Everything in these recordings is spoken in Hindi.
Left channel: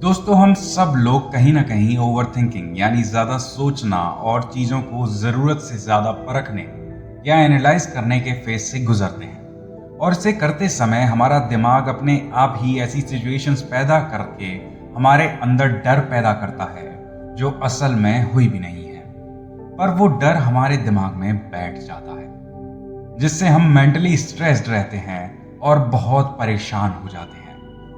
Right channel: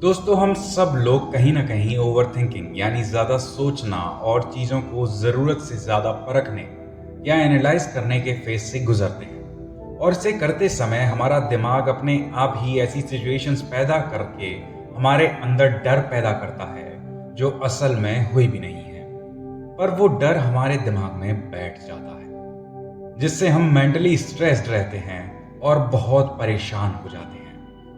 दोस्तों, हम सब लोग कहीं ना कहीं ओवरथिंकिंग यानी ज़्यादा सोचना और चीज़ों को ज़रूरत से ज़्यादा परखने या एनालाइज करने के फेज से गुजरते हैं। और इसे करते समय हमारा दिमाग अपने आप ही ऐसी सिचुएशंस पैदा करके हमारे अंदर डर पैदा करता है जो असल में हुई भी नहीं है, पर वो डर हमारे दिमाग में बैठ जाता है, जिससे हम मेंटली स्ट्रेस्ड रहते हैं और बहुत परेशान हो जाते हैं।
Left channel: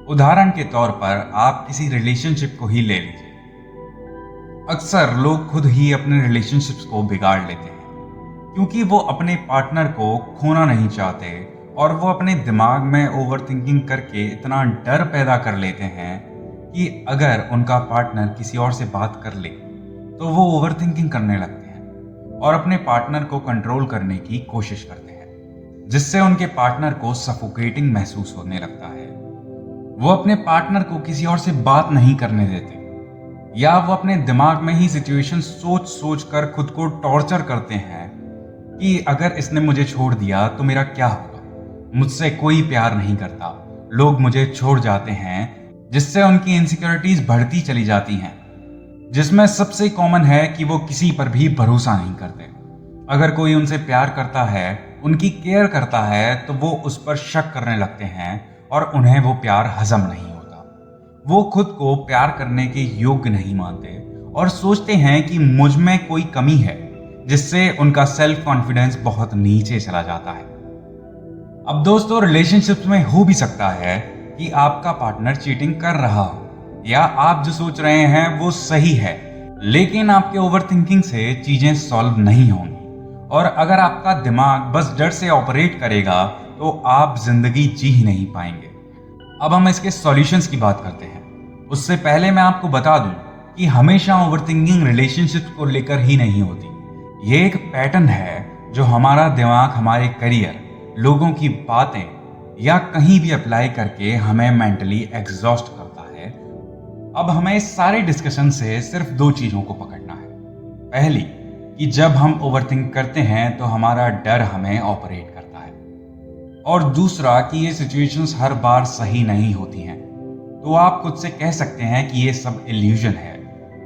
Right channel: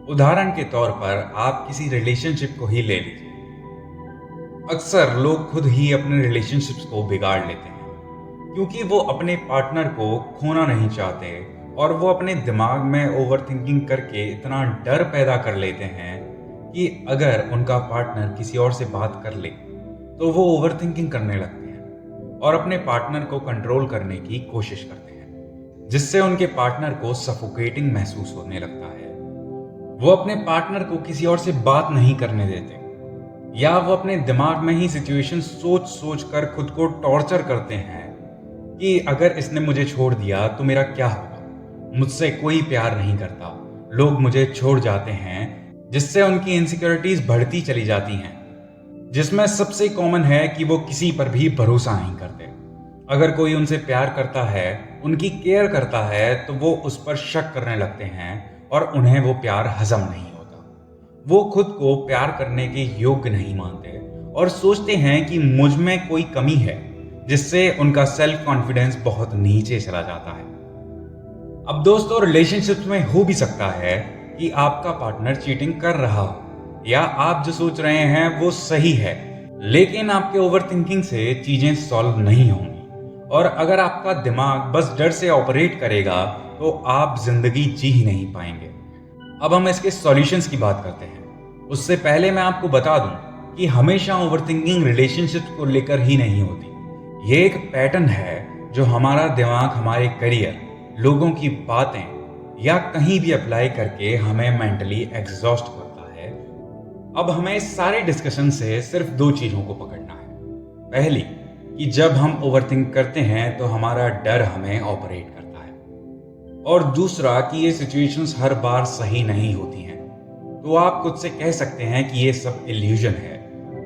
उदाहरण के तौर पर आप किसी रिलेशनशिप को ही ले लीजिए। अक्सर लोग खुद ही अपने रिलेशनशिप्स को बिगाड़ लेते हैं क्योंकि वो अपने पार्टनर को खोना नहीं चाहते, और वो अपने दिमाग में ओवरथिंकिंग करके इतना डर पैदा कर लेते हैं कि अगर उनका पार्टनर किसी और से बात कर ले तो वो ओवरथिंकिंग करने लगते हैं और अपने पार्टनर को कंट्रोल करने की कोशिश करते हैं, जिससे उनके पार्टनर को सफोकेटिंग महसूस होने लगता है। वो अपने पार्टनर को किसी और से बात नहीं करने देते, या वो अपने दिमाग में ही सिचुएशन सोच सोच कर खुद को टॉर्चर करते हैं कि अगर इसने मुझे छोड़ दिया तो मेरा क्या होगा, मुझसे कोई प्यार नहीं करता, लोग मुझे छोड़ जाते हैं, जिससे उनकी इनसिक्योरिटीज बढ़ती चली जाती हैं, जिसमें सबसे कॉमन है कि वो किसी पर भी भरोसा नहीं करते। अगर कोई उनसे प्यार करता है, उनकी केयर करता है, तो वो उस पर शक करने लगते हैं और उन्हें वो प्यार हजम नहीं होता। वो खुद को प्यार करने के योग्य नहीं मानते और सोचते हैं कि मुझ में कोई कमी है, जिससे उनका सेल्फ कॉन्फिडेंस बहुत नीचे चला जाता है। अब दोस्तों, रिलेशनशिप्स में हो भी सकता है कि आपका पार्टनर चीटिंग कर रहा हो, या आप जो सोच रहे हैं वो सही है, लेकिन आपके ओवरथिंकिंग से चीजें सॉल्व नहीं होंगी। और अगर आपका दिमाग बस डर से ऑपरेट करेगा तो आप जिंदगी जी ही नहीं पाएंगे। अब हम इसके सॉल्यूशंस की बात करते हैं। उससे पहले मैं आपको बता दूं कि हमेशा ओवरथिंकिंग रिलेशनशिप्स को लेकर ही नहीं होती। ये एक पैटर्न है जो हमारा दिमाग हमारे करियर, लोगों की बातें या कहीं भी अप्लाई करके हमें मेंटली एग्जॉस्ट करता है। अब हमें इस सारे डिस्कशन से सिर्फ दो चीजों को पकड़ना है। पहली, कि जब हम ओवरथिंक करते हैं तो हमारा डर हमें ऑपरेट करता है, और दूसरा कि ये सिचुएशंस हर बार सही नहीं होती हैं। तो आप खुद से कह सकते हैं कि ये सब इल्यूजन है,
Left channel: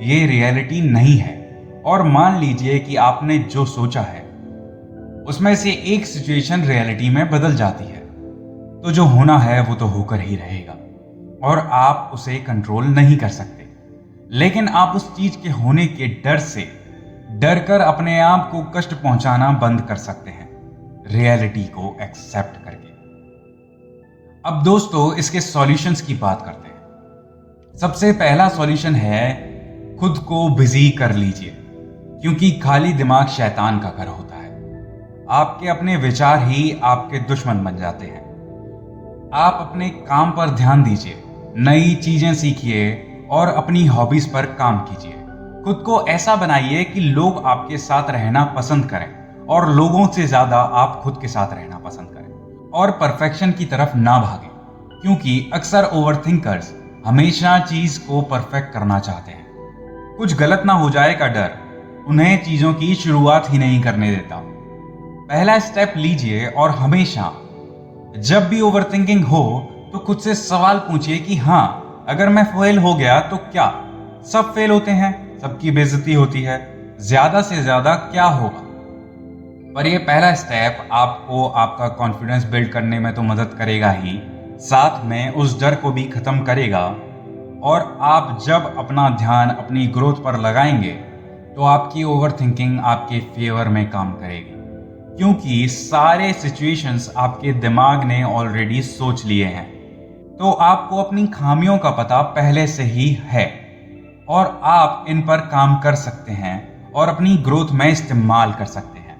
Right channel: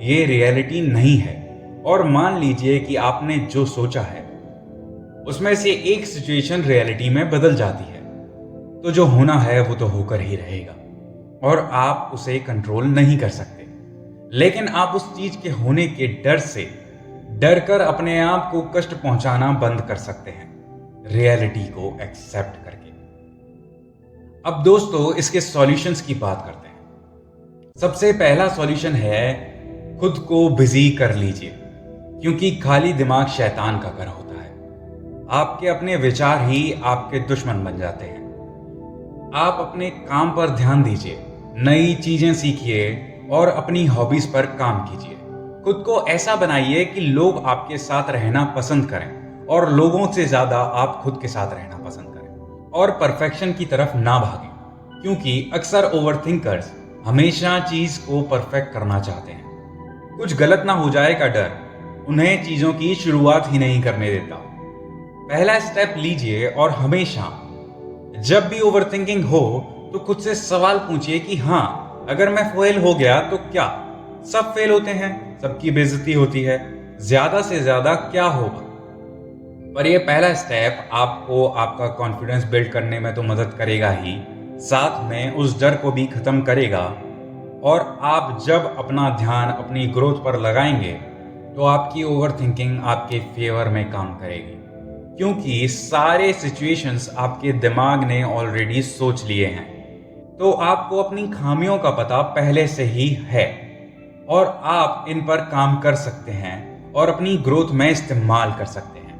ये रियलिटी नहीं है, और मान लीजिए कि आपने जो सोचा है उसमें से एक सिचुएशन रियलिटी में बदल जाती है, तो जो होना है वो तो होकर ही रहेगा और आप उसे कंट्रोल नहीं कर सकते। लेकिन आप उस चीज के होने के डर से डर कर अपने आप को कष्ट पहुंचाना बंद कर सकते हैं, रियलिटी को एक्सेप्ट करके। अब दोस्तों, इसके सॉल्यूशंस की बात करते हैं। सबसे पहला सॉल्यूशन है, खुद को बिजी कर लीजिए, क्योंकि खाली दिमाग शैतान का घर होता है। आपके अपने विचार ही आपके दुश्मन बन जाते हैं। आप अपने काम पर ध्यान दीजिए, नई चीजें सीखिए और अपनी हॉबीज पर काम कीजिए। खुद को ऐसा बनाइए कि लोग आपके साथ रहना पसंद करें, और लोगों से ज्यादा आप खुद के साथ रहना पसंद करें। और परफेक्शन की तरफ ना भागें, क्योंकि अक्सर ओवरथिंकर्स हमेशा चीज को परफेक्ट करना चाहते हैं। कुछ गलत ना हो जाए का डर उन्हें चीजों की शुरुआत ही नहीं करने देता। पहला स्टेप लीजिए और हमेशा जब भी ओवरथिंकिंग हो तो खुद से सवाल पूछिए कि हाँ, अगर मैं फेल हो गया तो क्या? सब फेल होते हैं, सबकी बेइज्जती होती है, ज्यादा से ज्यादा क्या होगा? पर यह पहला स्टेप आपको आपका कॉन्फिडेंस बिल्ड करने में तो मदद करेगा ही, साथ में उस डर को भी खत्म करेगा। और आप जब अपना ध्यान अपनी ग्रोथ पर लगाएंगे तो आपकी ओवरथिंकिंग आपके फेवर में काम करेगी, क्योंकि सारे सिचुएशंस आपके दिमाग ने ऑलरेडी सोच लिए हैं। तो आपको अपनी खामियों का पता पहले से ही है और आप इन पर काम कर सकते हैं और अपनी ग्रोथ में इस्तेमाल कर सकते हैं।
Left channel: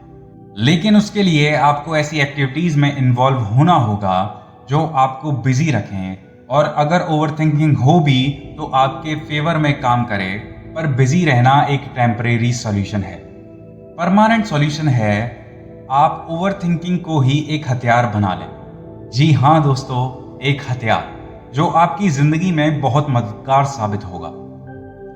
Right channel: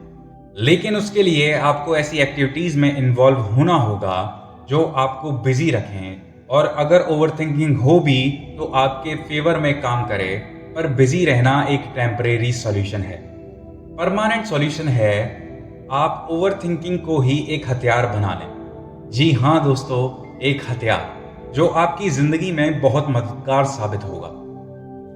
लेकिन उसके लिए आपको ऐसी एक्टिविटीज में इन्वॉल्व होना होगा जो आपको बिजी रखें, और अगर ओवरथिंकिंग हो भी तो आपके फेवर में काम करे। पर बिजी रहना एक टेम्परेरी सॉल्यूशन है। परमानेंट सॉल्यूशन है आप ओवरथिंकिंग को ही एक हथियार बना लें। जी हाँ दोस्तों, एक हथियार जो आपकी जिंदगी में बहुत मददगार साबित होगा।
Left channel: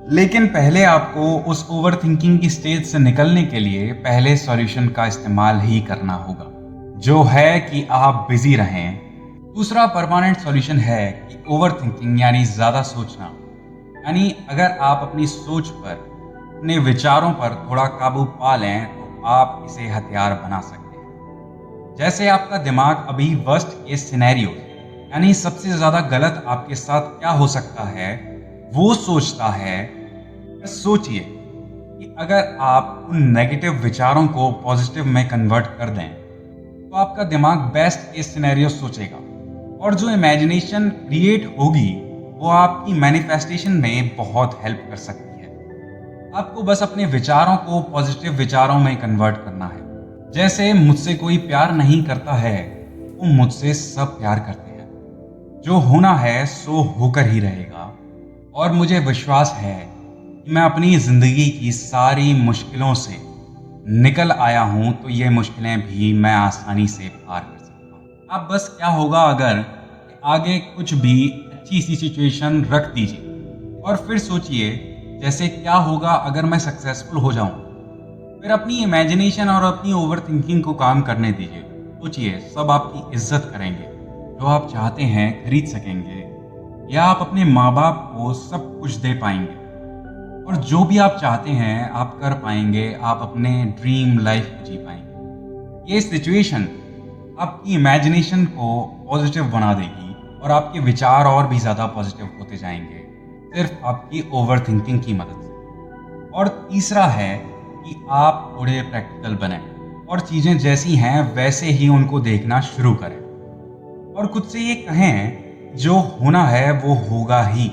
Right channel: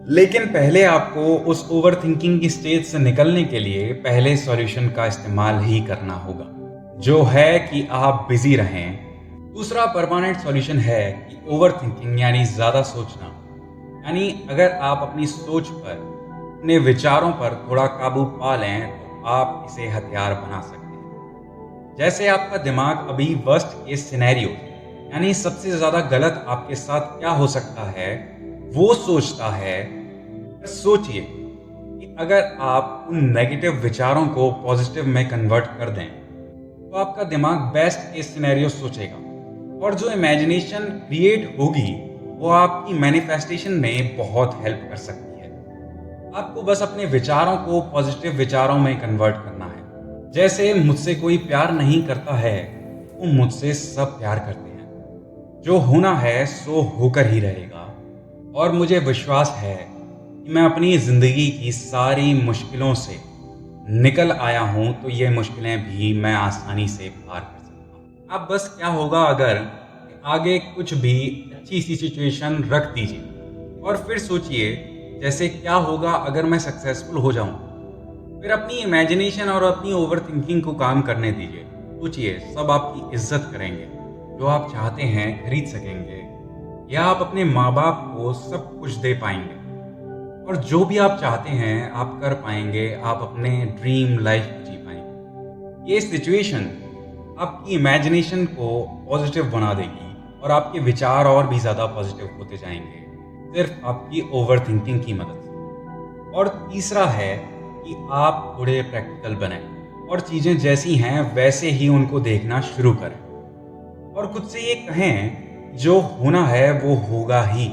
लेकिन पहले आपको उस ओवरथिंकिंग की स्टेज से निकलने के लिए पहले सॉल्यूशन का इस्तेमाल ही करना होगा, जो है कि आप बिजी रहें। दूसरा परमानेंट सॉल्यूशन है कि ओवरथिंकिंग यानी ज्यादा सोचना यानी अगर आप अपनी सोच पर, अपने विचारों पर थोड़ा काबू पा लें तो आप इसे हथियार बना सकते हैं। जैसे आपका दिमाग अभी वर्स्ट केस सिनेरियो यानी सबसे ज़्यादा गलत आपके साथ क्या हो सकता है वो सोचता है। बस सोचिए कि अगर आप उन नेगेटिव विचारों को पॉजिटिव में कन्वर्ट कर दें तो आपका दिमाग बेस्ट केस सिनेरियो सोचेगा और जो इमेजिनेशन क्रिएट होगी वो आपकी मैनिफेस्टेशन में बहुत हेल्प कर सकती है। आपको बस अपने विचारों को पॉजिटिव विचारों में कन्वर्ट करना है। जैसे मुझसे कोई प्यार नहीं करता है तो मुझसे सब प्यार करते हैं, जो होना है सो होकर ही रहेगा और मुझे विश्वास है कि मैं अपनी ज़िंदगी की सारी मुश्किलों से निकल आया हूं तो ये मुश्किलें भी मैं आसानी से पार कर सकता हूं। अब बस क्या होगा अगर आगे कुछ भी अच्छी सी सिचुएशन रख दीजिए और फिर सोचिए जैसे क्या होगा अगर मैं सक्सेसफुल हो जाऊं। फिर अपनी इमेजिनेशन और अपनी ओवर थिंकिंग को काम करने दीजिए। सोचिए सब आपकी इज्जत करेंगे, जो आप चाहते हैं खरीद सकेंगे, या आप अपने माँ बाप को सब कुछ दे पाएंगे और जो भी आप चाहते हैं आप कर पाएंगे, आप अपने ड्रीम लाइफ जी पाएंगे। ये सिचुएशन आपकी इमेजिनेशन को पॉजिटिव बना देगी और आपके विचार और भी ज़्यादा पॉजिटिव होते जाएंगे सिर्फ आपकी ओवर थिंकिंग की मदद से। और तीसरा है कि आप थोड़े प्रैक्टिकल बने और चीज़ें जैसी हैं वैसे ही उनको देखना शुरू करें और खुद से ये कहें जो होना है वो होगा ही।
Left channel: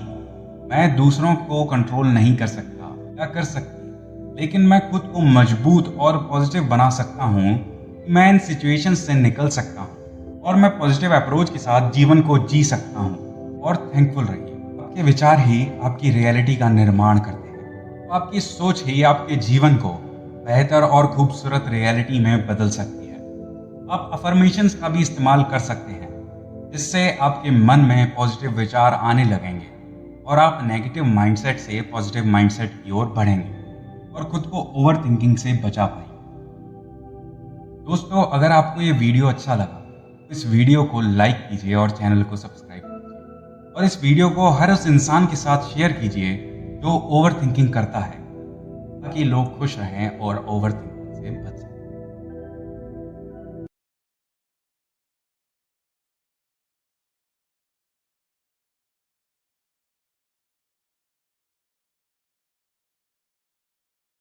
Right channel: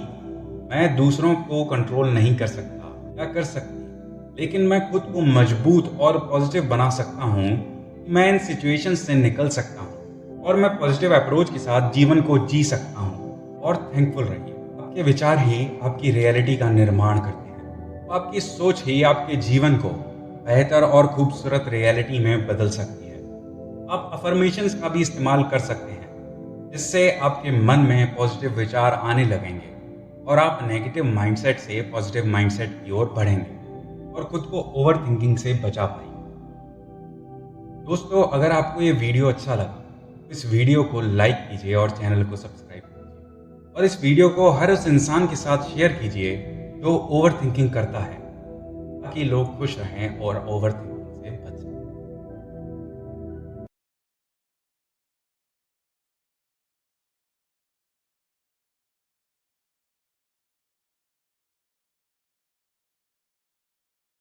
मैं दूसरों को कंट्रोल नहीं कर सकता या कर सकती, लेकिन मैं खुद को मजबूत और पॉजिटिव बना सकता हूँ कि मैं इन सिचुएशंस से निकल सकता हूँ और मैं पॉजिटिव अप्रोच के साथ जीवन को जी सकता हूँ। और थैंकफुल रहिए, आपके विचार ही आपकी रियलिटी का निर्माण करते हैं। तो आपकी सोच ही आपके जीवन को बेहतर और खूबसूरत रियलिटी में बदल सकती है। आप अफर्मेशंस का भी इस्तेमाल कर सकते हैं जिससे आपके मन में पॉजिटिव विचार आने लगेंगे और आप नेगेटिव माइंडसेट से पॉजिटिव माइंडसेट की ओर बढ़ेंगे और खुद को ओवर थिंकिंग से बचा पाएंगे। दोस्तों, अगर आपको ये वीडियो अच्छा लगा तो इस वीडियो को लाइक कीजिए और चैनल को सब्सक्राइब कीजिए और इस वीडियो को हर उस इंसान के साथ शेयर कीजिए जो ओवर थिंकिंग करता है, ताकि लोग खुश रहें और ओवर